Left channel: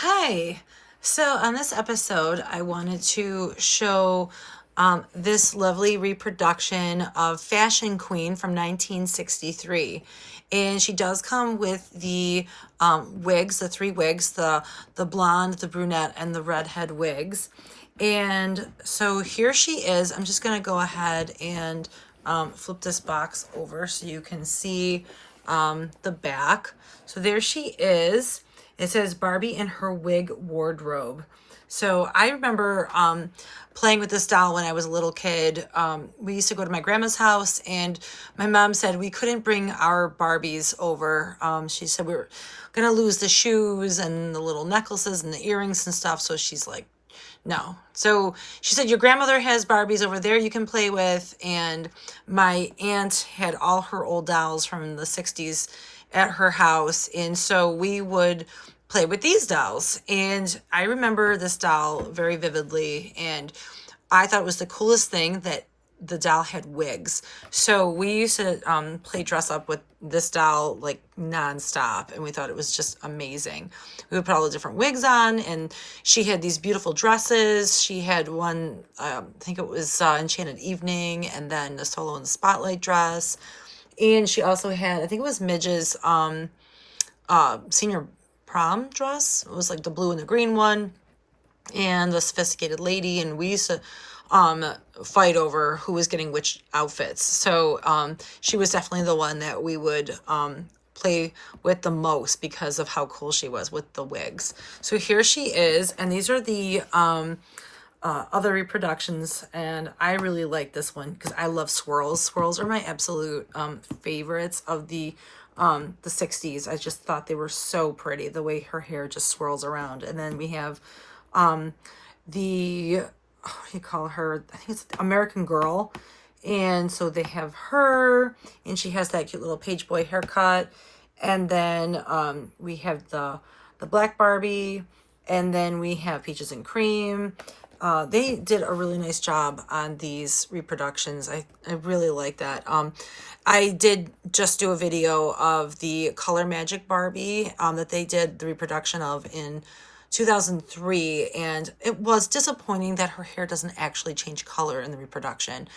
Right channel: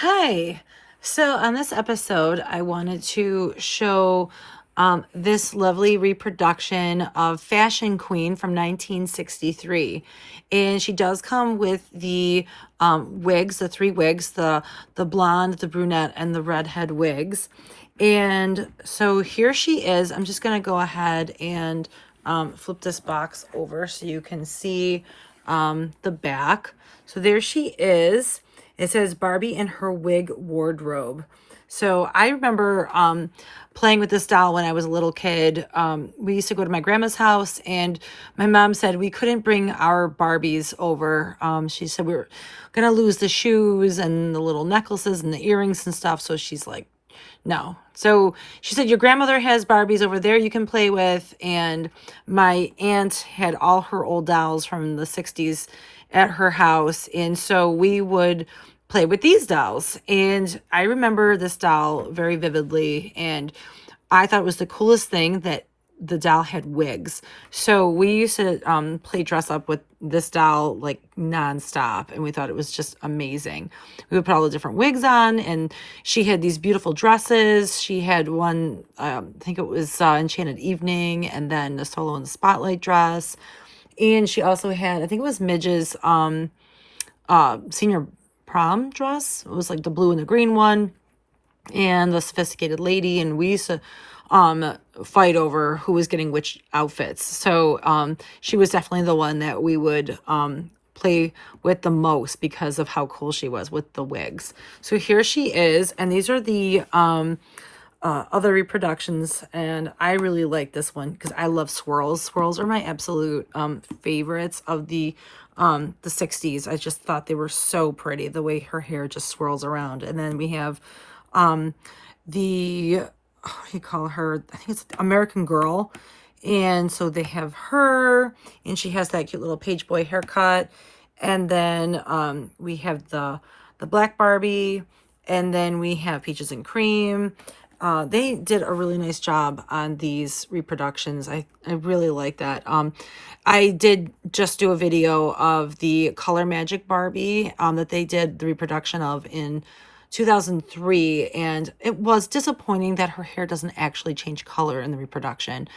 Hi. So, on this episode, I wanted to show this lovely reproduction of Fashion Queen from 1963. And she does come with the wigs, the three wigs, the blonde, the brunette, and the redhead wigs. And so here she is. I'm just going to go ahead and flip this box over so you can see the back. So there she is. It says Barbie in her wig wardrobe. So I remember playing with this doll when I was a little kid. We used to go to my grandma's house, and my mom said we couldn't bring our Barbies over. She said we are gonna lose the shoes and the little necklaces and the earrings and stuff. So she's like, no. So she said, your grandmother has Barbies over there you can play with. And my aunt had all her old dolls from the 60s at her house. And so we would play with these dolls. And I remember this doll very vividly. And I thought it was the coolest thing that the doll had wigs. So we used to play dress up with this doll like nonstop, and we thought it was just amazing. We would put all the different wigs on, and she had these beautiful dresses. She had one, I think it was Enchanted Evening, and then the Solo in the Spotlight dress. And she also had, I think it was Midge's senior prom dress. It was like the blue and the green one, and the Sophisticated Lady, and we used to fight over who was getting which outfits. So she was definitely the one that we would play with the most because of how cool she was with the wigs. So here she is, and these are the other reproductions, and I really like this one because I love swirls. Swirls are my absolute favorites of the 60s. I just thought they were so pretty, the way her hair just swirls around. And then we have the what do you call her? I think it's American Girl. And so they have her, and she has that cute little page boy haircut. And then we have the Black Barbie, and then we have Peaches and Cream. They did a really nice job on these reproductions. I really like that. I did just do a video of the Color Magic Barbie that they did the reproduction of in 2003, and it was disappointing that her hair doesn't actually change color in the reproduction.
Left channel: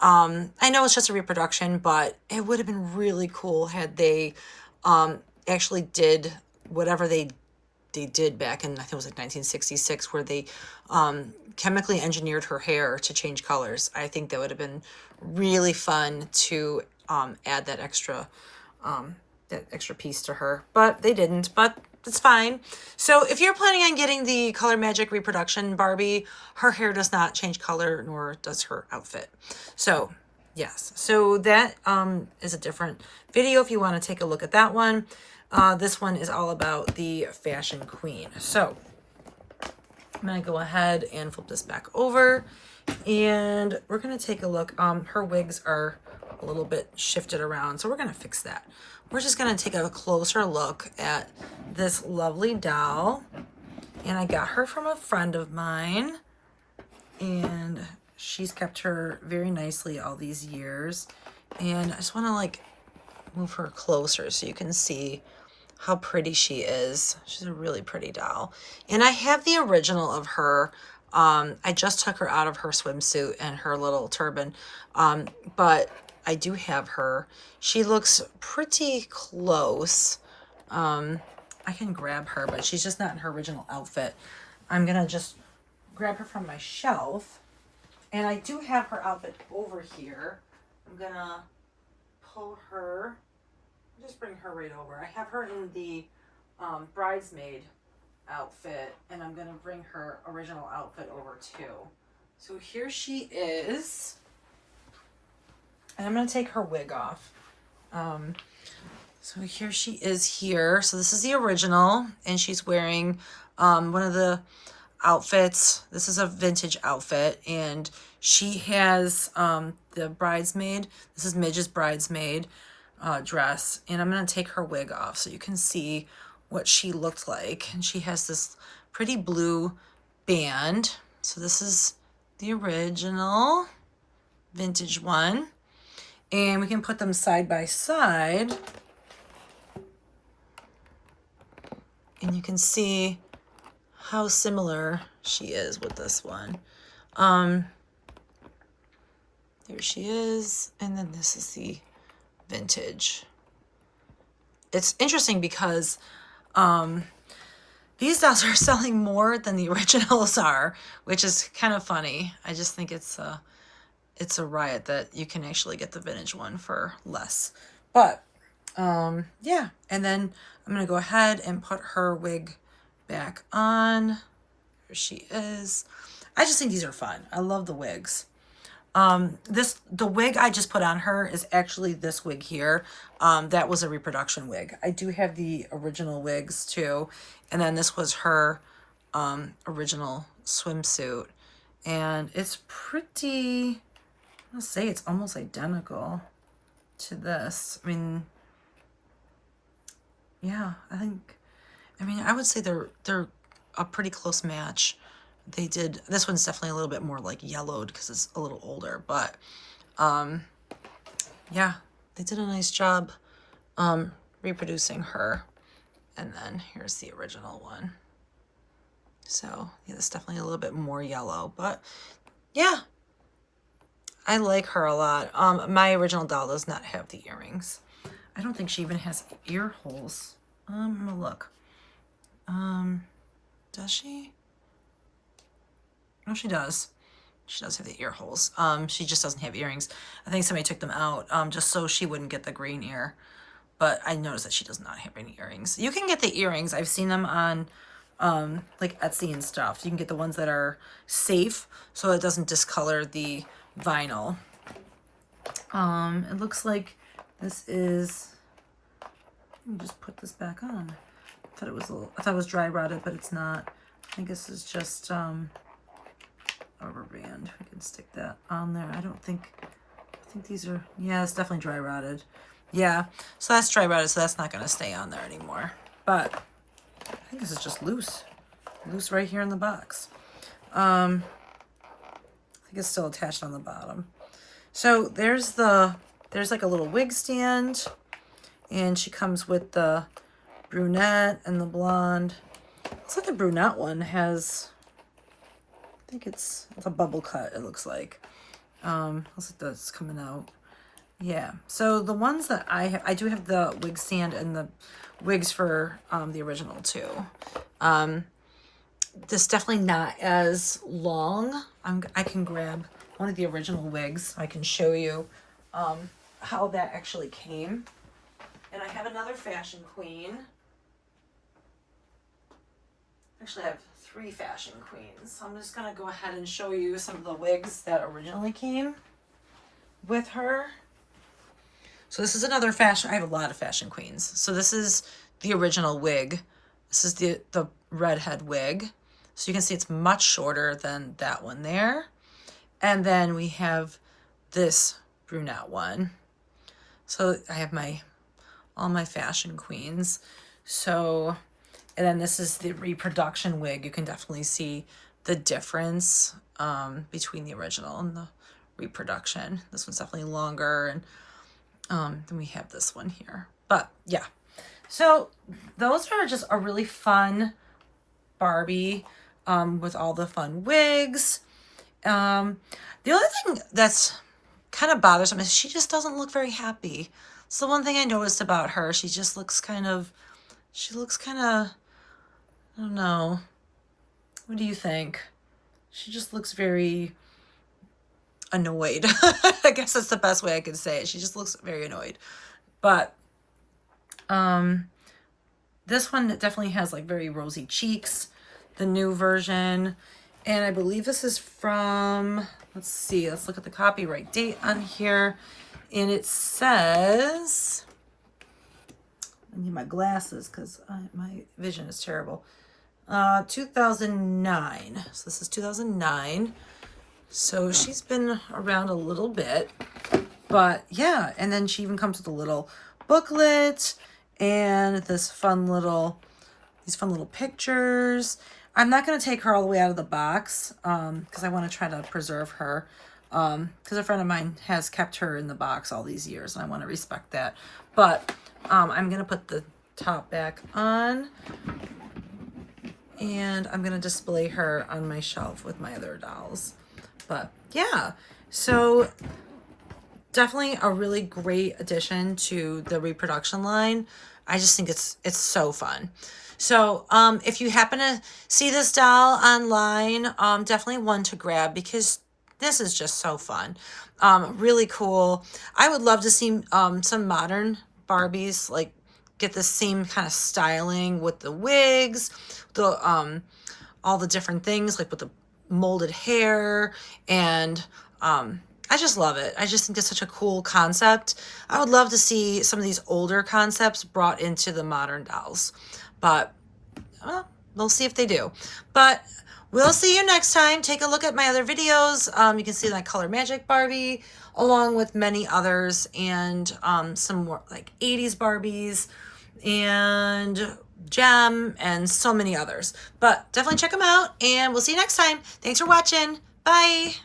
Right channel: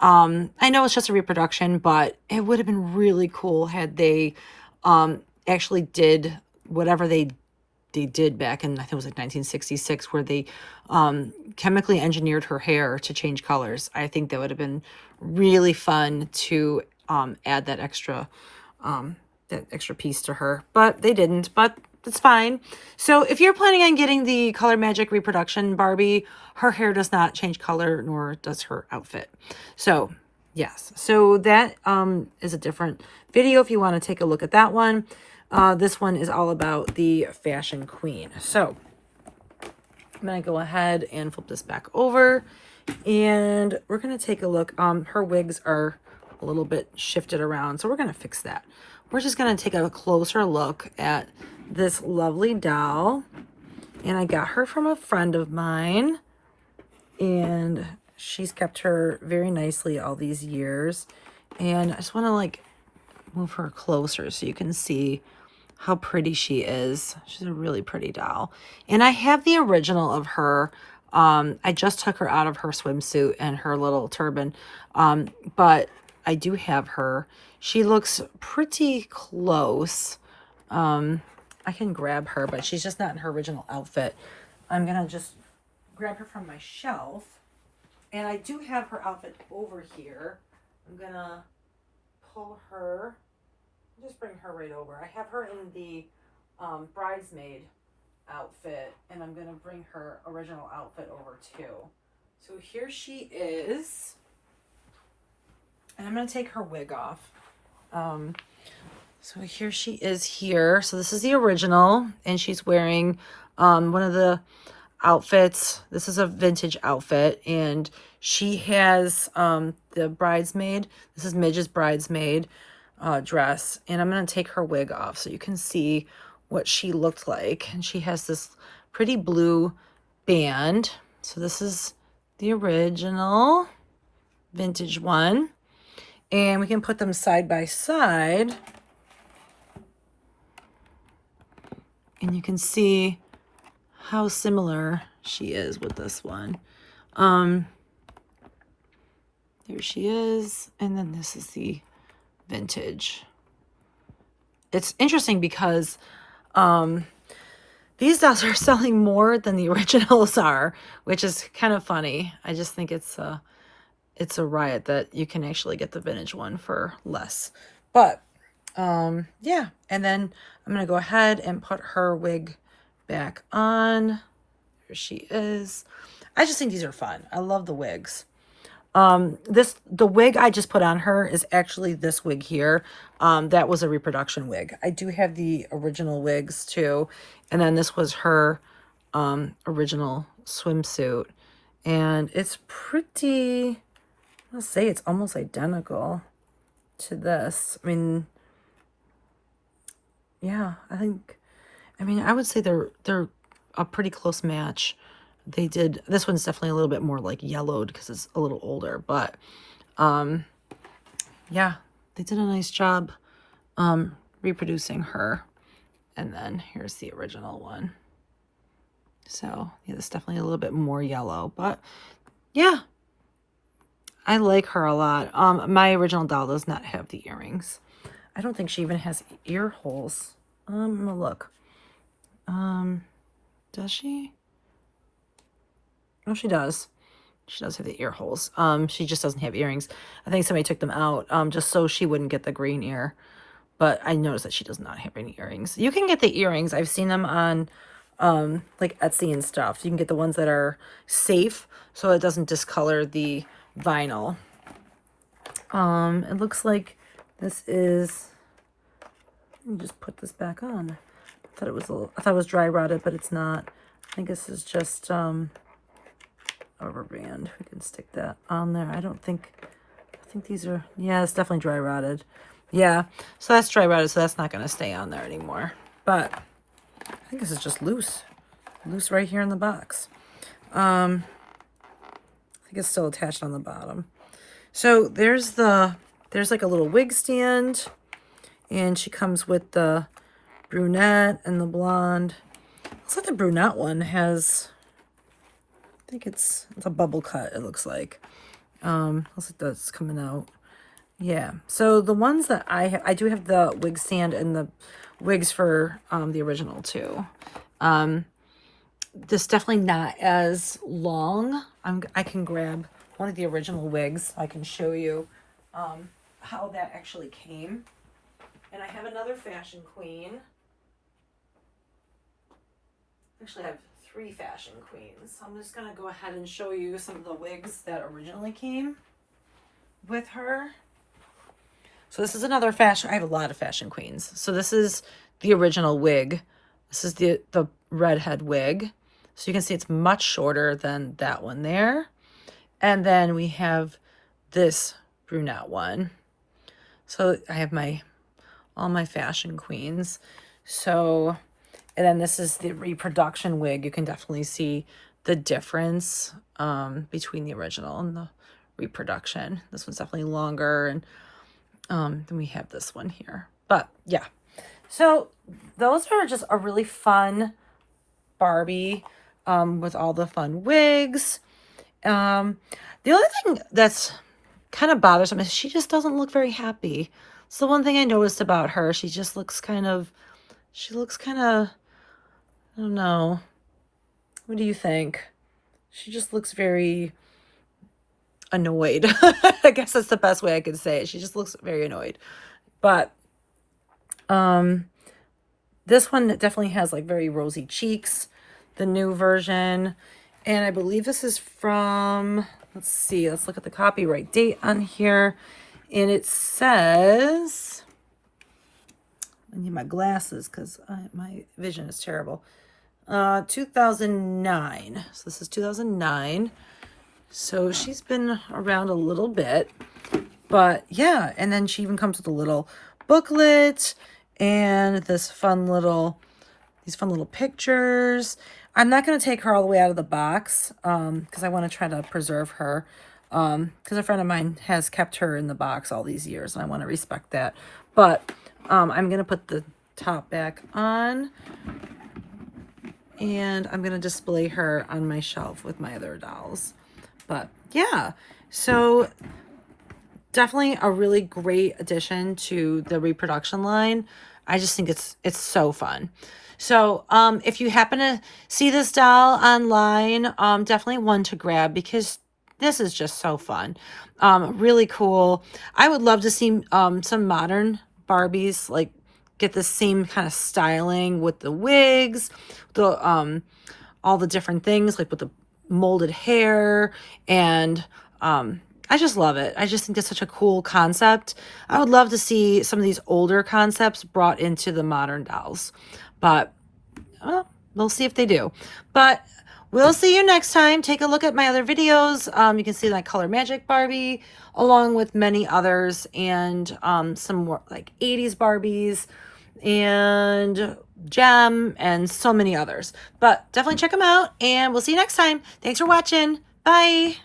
I know it's just a reproduction, but it would have been really cool had they actually did whatever they did back in, I think it was like 1966, where they chemically engineered her hair to change colors. I think that would have been really fun to add that extra piece to her, but they didn't. But it's fine. So if you're planning on getting the Color Magic reproduction Barbie, her hair does not change color, nor does her outfit. So yes, so that is a different video if you want to take a look at that one. This one is all about the Fashion Queen. So I'm going to go ahead and flip this back over, and we're going to take a look. Her wigs are a little bit shifted around, so we're going to fix that. We're just going to take a closer look at this lovely doll, and I got her from a friend of mine, and she's kept her very nicely all these years. And I just want to like move her closer so you can see how pretty she is. She's a really pretty doll. And I have the original of her. I just took her out of her swimsuit and her little turban. But I do have her. She looks pretty close. I can grab her, but she's just not in her original outfit. I'm going to just grab her from my shelf. And I do have her outfit over here. I'm going to pull her, just bring her right over. I have her in the bridesmaid outfit, and I'm going to bring her original outfit over too. So here she is. And I'm going to take her wig off. So here she is here. So this is the original, and she's wearing one of the outfits. This is a vintage outfit, and she has the bridesmaid. This is Midge's bridesmaid dress, and I'm going to take her wig off so you can see what she looked like. And she has this pretty blue band. So this is the original vintage one, and we can put them side by side, and you can see how similar she is with this one. There she is, and then this is the vintage. It's interesting because these dolls are selling more than the originals are, which is kind of funny. I just think it's a riot that you can actually get the vintage one for less. But yeah, and then I'm gonna go ahead and put her wig back on. Here she is. I just think these are fun. I love the wigs. The wig I just put on her is actually this wig here. That was a reproduction wig. I do have the original wigs too. And then this was her original swimsuit. And it's pretty, I'll say it's almost identical to this. I mean, yeah, I would say they're a pretty close match. They did, this one's definitely a little bit more like yellowed because it's a little older, but yeah, they did a nice job reproducing her. And then here's the original one. So yeah, it's definitely a little bit more yellow, but yeah, I like her a lot. My original doll does not have the earrings. I don't think she even has ear holes. I'm gonna look. Does she? Oh, she does. She does have the ear holes. She just doesn't have earrings. I think somebody took them out just so she wouldn't get the green ear. But I noticed that she does not have any earrings. You can get the earrings. I've seen them on like Etsy and stuff. You can get the ones that are safe so it doesn't discolor the vinyl. It looks like this is, let me just put this back on. I thought it was dry rotted, but it's not. I think this is just a rubber band. We can stick that on there. I think these are, yeah, it's definitely dry rotted. Yeah, so that's dry rotted, so that's not going to stay on there anymore. But I think this is just loose right here in the box. I think it's still attached on the bottom. So there's like a little wig stand, and she comes with the brunette and the blonde. Looks like the brunette one has, I think it's a bubble cut, it looks like. Looks like that's coming out. Yeah, so the ones that I do have the wig stand and the wigs for the original too. This definitely not as long. I can grab one of the original wigs. I can show you how that actually came. And I have another Fashion Queen. Actually, I have 3 Fashion Queens. I'm just going to go ahead and show you some of the wigs that originally came with her. So this is another fashion. I have a lot of Fashion Queens. So this is the original wig. This is the redhead wig. So you can see it's much shorter than that one there. And then we have this brunette one. So I have all my Fashion Queens. So, and then this is the reproduction wig. You can definitely see the difference between the original and the reproduction. This one's definitely longer, and then we have this one here. But yeah, so those are just a really fun Barbie with all the fun wigs. The only thing that's kind of bothersome is she just doesn't look very happy. So one thing I noticed about her, she looks kind of, I don't know. What do you think? She just looks very annoyed. I guess that's the best way I could say it. She just looks very annoyed. But this one definitely has like very rosy cheeks, the new version. And I believe this is from, let's see, let's look at the copyright date on here. And it says, I need my glasses because my vision is terrible. 2009. So this is 2009. So she's been around a little bit. But yeah, and then she even comes with a little booklet and these fun little pictures. I'm not going to take her all the way out of the box because I want to try to preserve her because a friend of mine has kept her in the box all these years, and I want to respect that. But I'm going to put the top back on, and I'm gonna display her on my shelf with my other dolls. But yeah, so definitely a really great addition to the Reproduction line. I just think it's so fun. So if you happen to see this doll online, definitely one to grab because this is just so fun. Really cool. I would love to see some modern Barbies like get the same kind of styling with the wigs, the all the different things like with the molded hair, and I just love it. I just think it's such a cool concept. I would love to see some of these older concepts brought into the modern dolls, but we'll see if they do. But we'll see you next time. Take a look at my other videos. You can see my Color Magic Barbie along with many others, and some more like 80s Barbies and Gem and so many others. But definitely check them out, and we'll see you next time. Thanks for watching. Bye.